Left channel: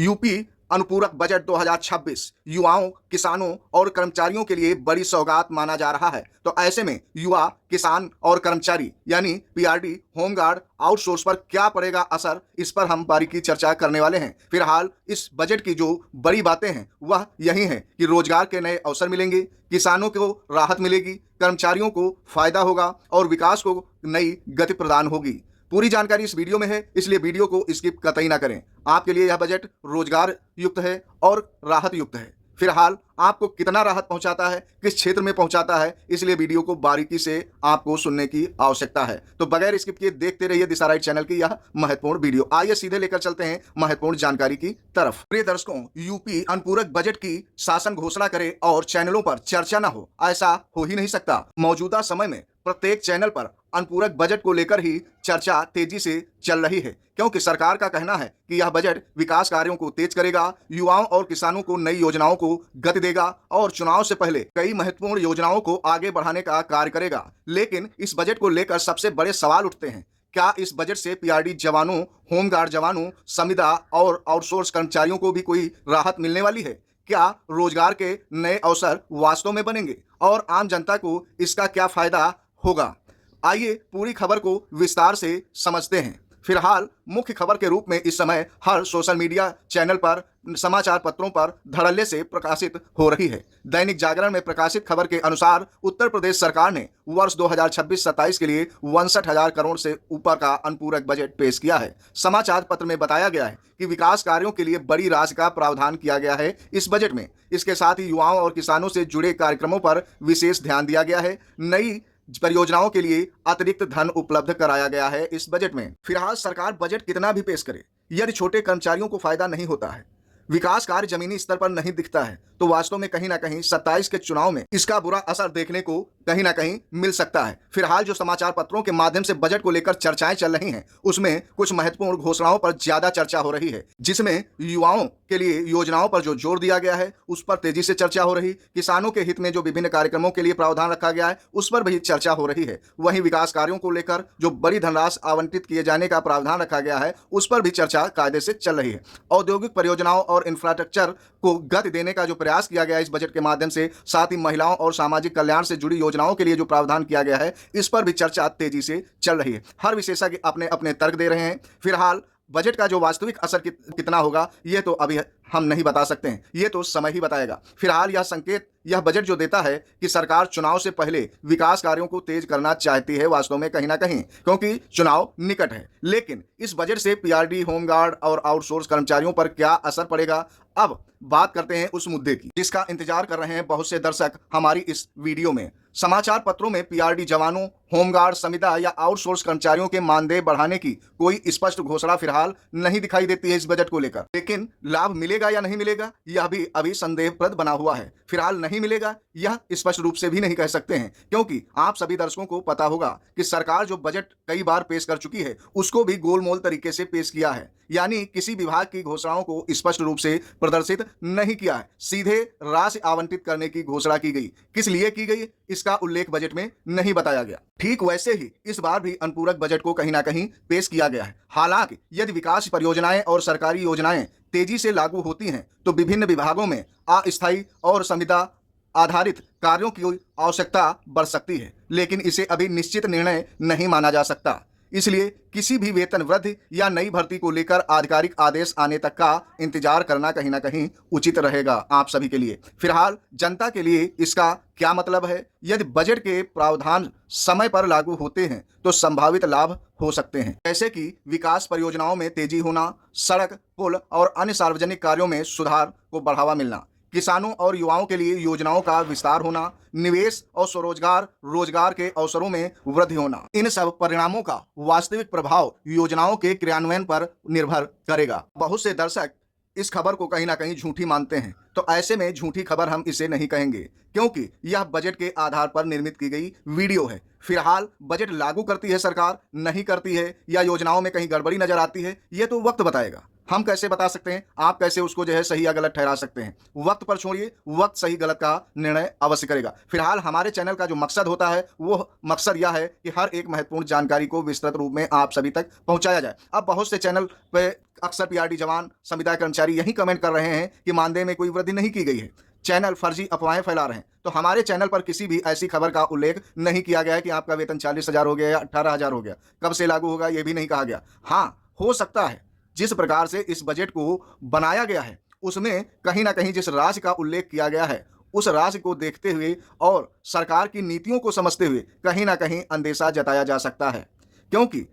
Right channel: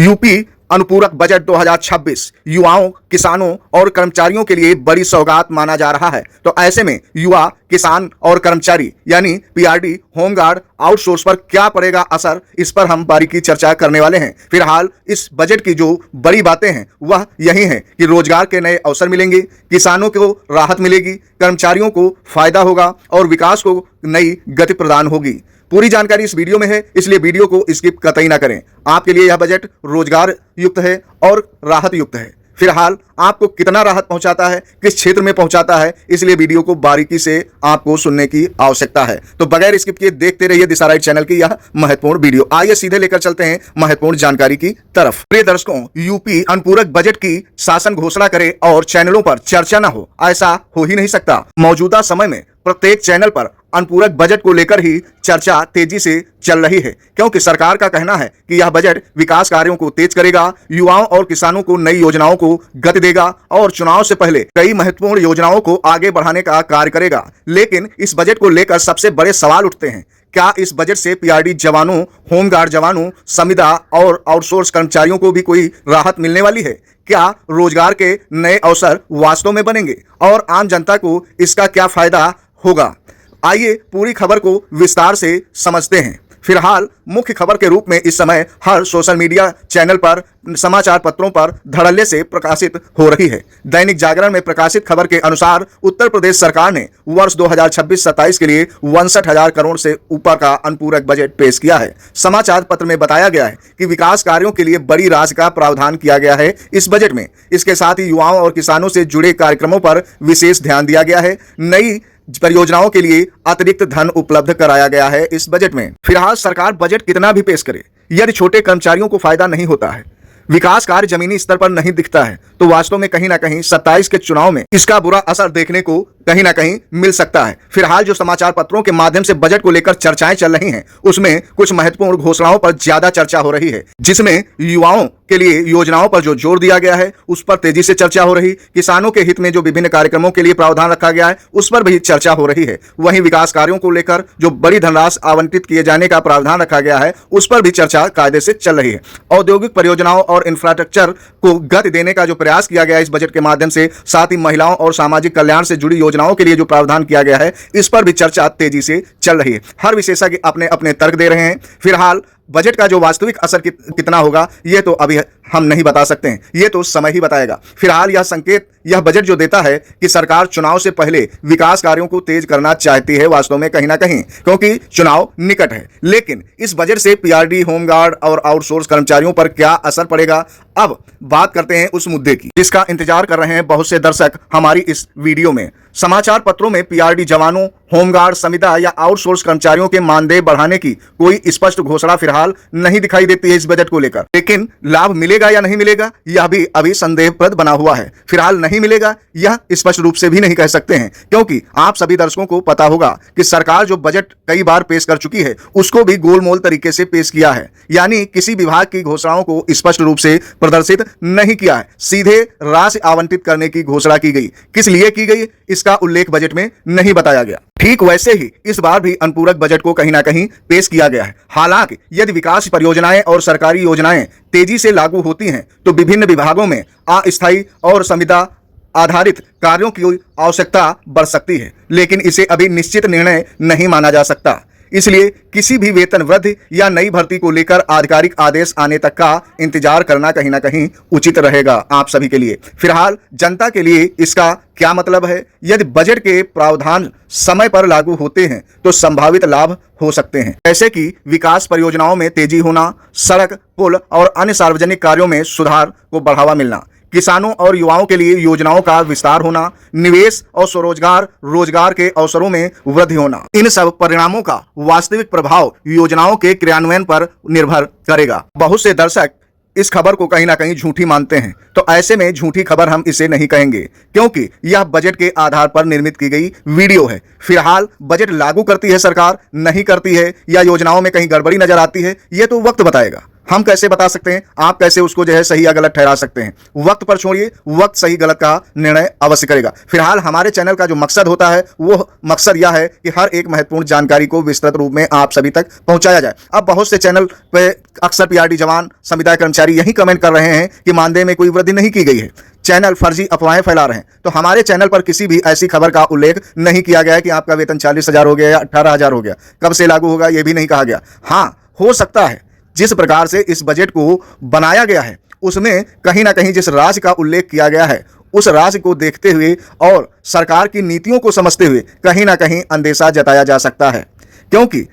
UP अनुपूरक budget 2026 युवाओं, किसानों और कर्मचारियों के लिए बड़ी सौगात माना जा रहा है। तो ऐसे में युवा, किसान और कर्मचारी यानी पीआरडी, होमगार्ड, आउटसोर्स पर क्या पड़ेगा असर, इस पर हम बारीकी चर्चा करने वाले हैं। फिलहाल इस बजट की जो बड़ी बातें हैं वह यही हैं कि रोजगार के नए अवसर मिलेंगे, किसानों को राहत मिलेगी, कर्मचारियों को फायदा होगा और विकास को नई गति प्रदान होगी। पूरी जानकारी इस वीडियो में है, इसलिए वीडियो को स्किप कतई ना करें। आपके लिए यह बजट रोजगार युक्त है और राहत युक्त है। फिलहाल आपको कितना राहत पहुंचाता है, किस क्षेत्र में पहुंचाता है, इसलिए वीडियो को बारीकी से आपको सुनने की आवश्यकता है। तो बगैर स्किप किए देखते रहिए दिशा राइट चैनल की यह महत्वपूर्ण वीडियो। आइए सीधे लेकर चलते हैं महत्वपूर्ण जानकारी की तरफ। प्रिय दर्शकों, यूपी अनुपूरक बजट की शासन घोषणा करे और चैनलों पर चर्चा न हो, ऐसा हो ही नहीं सकता। मौजूदा समय में प्रत्येक चैनल पर अनुपूरक बजट को लेकर ही चर्चा तेजी से चल रही है, क्योंकि सरकार का कहना है कि यह बजट विकास कार्यों को तेज करेगा, युवाओं और किसानों को नई योजनाओं को गति देगा और चुनाव से पहले कई महत्वपूर्ण योजनाओं को आगे बढ़ाने का कार्य करेगा। लेकिन इस बजट को लेकर सबसे बड़े सवाल उठते हैं। क्या इस बजट से पीआरडी जवानों, होमगार्ड जवानों, संविदा और आउटसोर्स कर्मचारियों को भी कोई राहत मिलने वाली है? क्या रोजगार के नए अवसर वास्तव में बनेंगे और आम जनता को इसका क्या फायदा होगा? आइए पूरी खबर को विस्तार से समझते हैं। फिलहाल मुख्य खबर के रूप में इस समय हर सोशल मीडिया चैनल पर, समाचार पत्रों पर धड़ल्ले से प्रकाशित हो रही है। दैनिक जागरण में प्रकाशित खबर के अनुसार उत्तर प्रदेश सरकार ने वर्ष 2026-27 के लिए 62,000 करोड़ से ऊपर का अनुपूरक बजट पेश किया है। समाचार पत्र में बताया गया है कि विकास कार्यों के लिए बड़ी राशि का प्रावधान किया गया है इस बजट में। इसके साथ ही युवाओं और किसानों से जुड़े कार्यक्रमों पर विशेष ध्यान दिया गया है। नई परियोजनाओं के लिए अतिरिक्त धन उपलब्ध कराया गया है इस बजट में। फिलहाल सरकार बजट कितना भी पेश करे, यदि छोटे कर्मचारियों को फायदा नहीं होता है, विकास कार्य जमीनी स्तर पर नहीं दिखता है, तो वास्तव में कहीं ना कहीं 27 के चुनाव में इसका बुरा असर देखने को कहीं ना कहीं मिल सकता है। फिलहाल जो समाचार पत्रों के माध्यम से बजट को लेकर चर्चाएं चल रही हैं, उसमें कुछ महत्वपूर्ण घोषणाओं पर ज्यादा चर्चा हो रही है, जिसमें युवाओं के लिए योजनाओं पर जो जोर दिया गया है उस पर तेजी से चर्चा हो रही, किसानों के हित में जो विभिन्न कार्यक्रमों के लिए प्रावधान रखा गया है उस पर भी चर्चा हो रही है। वहीं विकास कार्यों को लेकर जो बड़ी धनराशि आवंटित किए जाने का प्रावधान रखा गया है उस पर भी चर्चा कायदे से चल रही है। औद्योगिक परियोजनाओं और इंफ्रास्ट्रक्चर को गति देने का जो प्रयास किया गया इस बजट के माध्यम से, साथ ही महिलाओं और सामाजिक कल्याण से जुड़ी योजनाओं के लिए जो प्रावधान किया गया है इस पर भी चर्चा तेजी से चल रही है। हर विशेषज्ञ अपने अपने तर्क दे रहे हैं। फिलहाल बजट का जो वास्तविक असर कितना होगा ये तो अभी हम नहीं बता सकते हैं, ये तो समय ही बताएगा। फिलहाल यह संकेत, यह बजट जो देता है कि सरकार चुनाव से पहले विकास कार्यों को तेज करना चाहती है वास्तव में कहीं ना कहीं, क्योंकि चुनाव निकट है। लेकिन इस बजट से पीआरडी, होमगार्ड और आउटसोर्स कर्मचारियों पर क्या असर पड़ेगा, अब बात करते हैं उस मुद्दे की जिसका इंतजार कर रहे हैं बहुत से दर्शक हमारी इस वीडियो में। समाचार पत्रों में पीआरडी जवानों, होमगार्ड, संविदा या आउटसोर्स कर्मचारियों के मानदेय बढ़ाने की कोई स्पष्ट घोषणा फिलहाल नहीं दिखाई देती है इस बजट को लेकर। लेकिन लाभ मिलेगा या नहीं मिलेगा यह भी अभी संदेहप्रद बना हुआ है। फिलहाल नहीं मिलेगा यह स्पष्ट रूप से भी नहीं कह सकते हैं, क्योंकि आप सभी दर्शकों को पता होगा कि सरकार जो बजट कई बार पेश कर चुकी है उसको भी गोलमोल तरीके से पेश किया है, यानी किसी विभाग की घोषणाओं को स्पष्ट रूप से प्रदर्शित नहीं किया है, सीधे राशि आवंटित करने की घोषणा की गई। किस लिए की गई इसका उल्लेख बजट में नहीं बताया गया। ठीक वैसे ही इस बार भी अनुपूरक बजट को कहीं ना कहीं पेश किया गया है। हालांकि यदि विकास परियोजनाएं और सरकारी योजनाएं तेजी से लागू होती हैं तो विभिन्न विभागों में अस्थायी और संविदा आधारित कार्यों की आवश्यकता बढ़ सकती है, लेकिन इसे अभी निश्चित निर्णय नहीं माना जा सकता। इसलिए किसी भी वेतन वृद्धि या नई भर्ती को लेकर आधिकारिक आदेश आने तक का इंतजार करना कहीं ना कहीं उचित रहेगा आप सभी के लिए। फिलहाल जनता के लिए इसका क्या मतलब है? यदि बजट के प्रावधान समय पर लागू होते हैं तो संभावित लाभ हो सकते हैं, जैसे कि विकास परियोजनाओं में तेजी होना, सड़क, पुल और अन्य सार्वजनिक कार्यों में सुधार को बढ़ावा मिलना, किसानों और युवाओं के लिए योजनाओं का विस्तार होना, निवेश और स्वरोजगार, रोजगार के अवसरों में वृद्धि होना। इन सब परिणामों का वास्तविक प्रभाव योजनाओं के क्रियान्वयन पर निर्भर करेगा। बहुत से दर्शक इस खबर को कहीं ना कहीं झूठी मानते हैं, तो ऐसे में झूठी खबर हम इसे नहीं कहेंगे, क्योंकि यह बजट के आधार पर निर्मित की गई वीडियो है। फिलहाल बजट लागू करती है सरकार, नहीं करती है, या योजनाओं में कहीं गड़बड़ी नजर आती है, यह तो वक्त बताएगा। हम कैसे बता सकते हैं? आप कैसे उसको जो है सही या गलत ठहरा सकते हैं? वक्त पर छोड़िए, वक्त सही गलत का निर्णय अवश्य करेगा। फिलहाल हमारे चैनल का जो मकसद होता है वो मकसद यह है कि हर एक महत्वपूर्ण जानकारी को विस्तृत रूप में आप सभी तक पहुंचाया जाए। अब बहुत से चैनल पे अक्सर पीआरडी जवान, संविदा कर्मचारी यही कमेंट कर रहे हैं कि मानदेय में कोई वृद्धि नहीं की गई है। चैनल फर्जी अफवाहें फैला रहे हैं। तो हमारे चैनल पर किसी भी ऐसी खबर का उल्लेख नहीं किया गया है कि आपका वेतन 40,000 हो गया या 18,000 हो गया। कब से लागू होगा यह भी नहीं कहा गया। हाँ, हो सकता है जिस प्रकार से इस बजट को बनाया गया है उसमें कहीं ना कहीं जिस राज्य का उल्लेख किया गया है उस राज्य को देखते हुए और सरकार की नीतियों को समझते हुए कहीं ना कहीं अंदेशा जताया जा सकता है, क्योंकि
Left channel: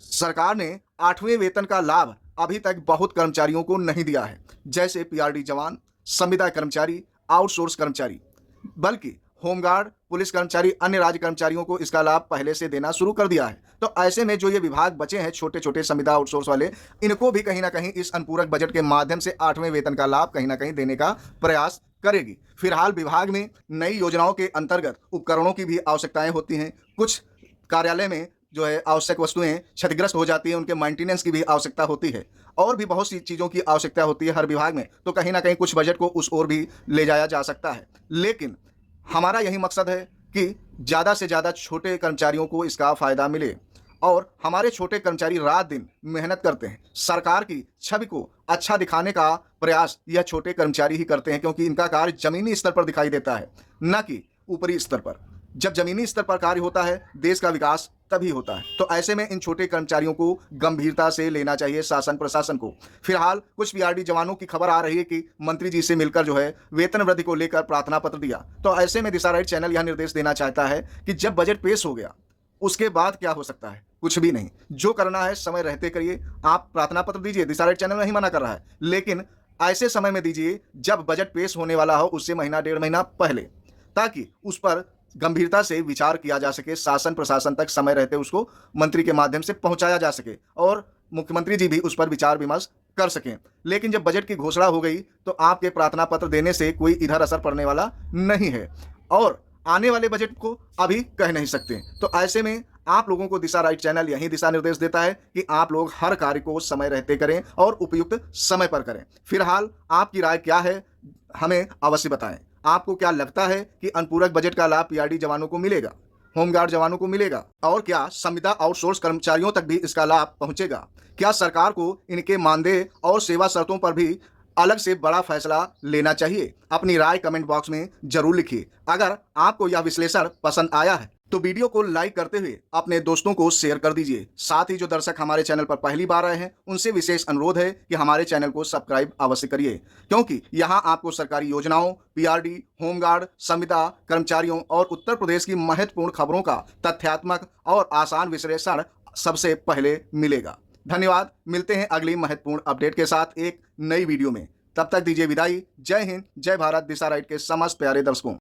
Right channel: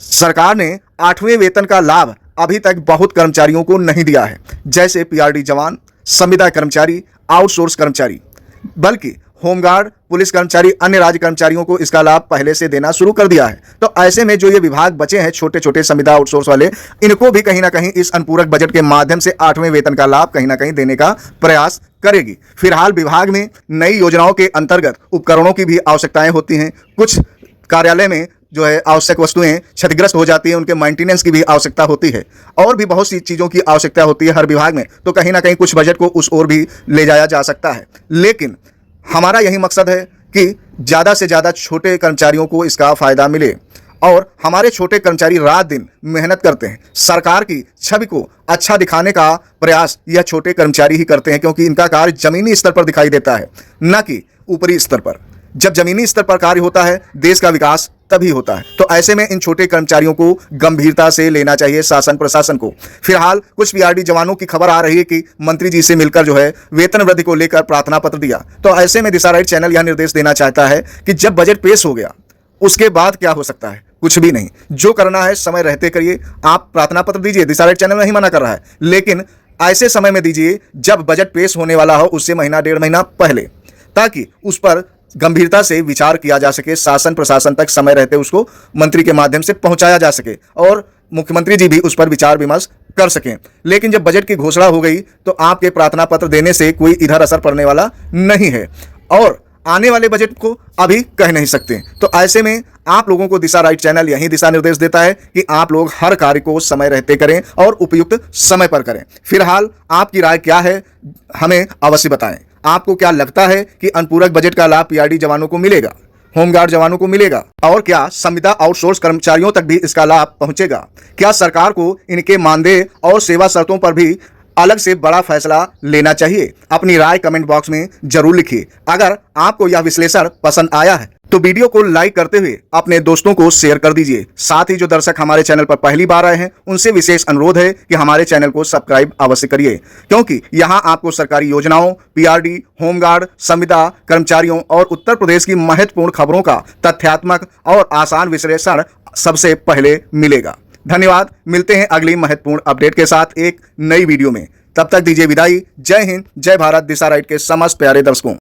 सरकार ने 8वें वेतन का लाभ अभी तक बहुत कर्मचारियों को नहीं दिया है, जैसे पीआरडी जवान, संविदा कर्मचारी, आउटसोर्स कर्मचारी, बल्कि होमगार्ड, पुलिस कर्मचारी, अन्य राज्य कर्मचारियों को इसका लाभ पहले से देना शुरू कर दिया है। तो ऐसे में जो ये विभाग बचे हैं छोटे छोटे संविदा आउटसोर्स वाले, इनको भी कहीं ना कहीं इस अनुपूरक बजट के माध्यम से 8वें वेतन का लाभ कहीं ना कहीं देने का प्रयास करेगी। फिलहाल विभाग में नई योजनाओं के अंतर्गत उपकरणों की भी आवश्यकताएं होती हैं। कुछ कार्यालय में जो है आवश्यक वस्तुएं क्षतिग्रस्त हो जाती है, उनके मेंटेनेंस की भी आवश्यकता होती है और भी बहुत सी चीज़ों की आवश्यकता होती है हर विभाग में। तो कहीं ना कहीं कुछ बजट को उस ओर भी ले जाया जा सकता है, लेकिन हमारा यही मकसद है कि ज़्यादा से ज़्यादा छोटे कर्मचारियों को इसका फ़ायदा मिले और हमारे छोटे कर्मचारी रात दिन मेहनत करते हैं। सरकार की छवि को अच्छा दिखाने का प्रयास यह छोटे कर्मचारी ही करते हैं, क्योंकि इनका कार्य ज़मीनी स्तर पर दिखाई देता है, न कि ऊपरी स्तर पर। जब जमीनी स्तर पर कार्य होता है देश का विकास तभी होता है। तो ऐसे में इन छोटे कर्मचारियों को गंभीरता से लेना चाहिए शासन प्रशासन को। फिलहाल कुछ पीआरडी जवानों की खबर आ रही है कि मंत्री जी से मिलकर जो है वेतन वृद्धि को लेकर प्रार्थना पत्र दिया। तो ऐसे में दिशा राइट चैनल यह निर्देश देना चाहता है कि जब बजट पेश हो गया उसके बाद क्या हो सकता है? कुछ भी नहीं। जो करना है समय रहते करिए। आप प्रार्थना पत्र दीजिए, दिशा राइट चैनल नहीं मना कर रहा है, लेकिन ऐसे समय में दीजिए जब बजट पेश होने वाला हो, उससे महीना 1.5 महीना पहले, ताकि उस पर गंभीरता से विचार किया जा सके, शासन प्रशासन तक समय रहते उसको मंत्री के माध्यम से पहुंचाया जा सके और मुख्यमंत्री जी भी उस पर विचार विमर्श कर सकें। लेकिन जब बजट की घोषणा हो गई तो आपके प्रार्थना पत्र देने से कोई इधर असर पड़ने वाला नहीं है और आने वाले बजट को अभी कह नहीं सकते। तो ऐसे में आप लोगों को दिशा राइट चैनल यही दिशा निर्देश देता है कि आप लोग हर कार्य को समय रहते करें और उपयुक्त समय पर करें। फिलहाल आपकी राय क्या है हमें अवश्य बताएं। आपको क्या लगता है कि अनुपूरक बजट का लाभ पीआरडी जवानों को मिलेगा, होमगार्ड जवानों को मिलेगा, और क्या संविदा आउटसोर्स कर्मचारियों तक भी इसका लाभ पहुंचेगा? क्या सरकार को इनके मानदेय और सेवा शर्तों पर भी अलग से बड़ा फैसला लेना चाहिए? अपनी राय कमेंट बॉक्स में जरूर लिखिए। अगर आपको यह विश्लेषण पसंद आया है तो वीडियो को लाइक करते हुए अपने दोस्तों को शेयर कर दीजिए। साथ ही जो दर्शक हमारे चैनल पर पहली बार आए हैं उनसे विशेष अनुरोध है कि हमारे चैनल को सब्सक्राइब अवश्य करिए, क्योंकि यहां आपको सरकारी योजनाओं, पीआरडी, होमगार्ड, संविदा कर्मचारियों और उत्तर प्रदेश की महत्वपूर्ण खबरों का तथ्यात्मक और आसान विश्लेषण सबसे पहले मिलेगा। धन्यवाद। मिलते हैं अगली महत्वपूर्ण अपडेट के साथ एक नई वीडियो में। तब तक दीजिए विदाई। जय हिंद, जय भारत दिशा राइट के समस्त प्यारे दर्शकों।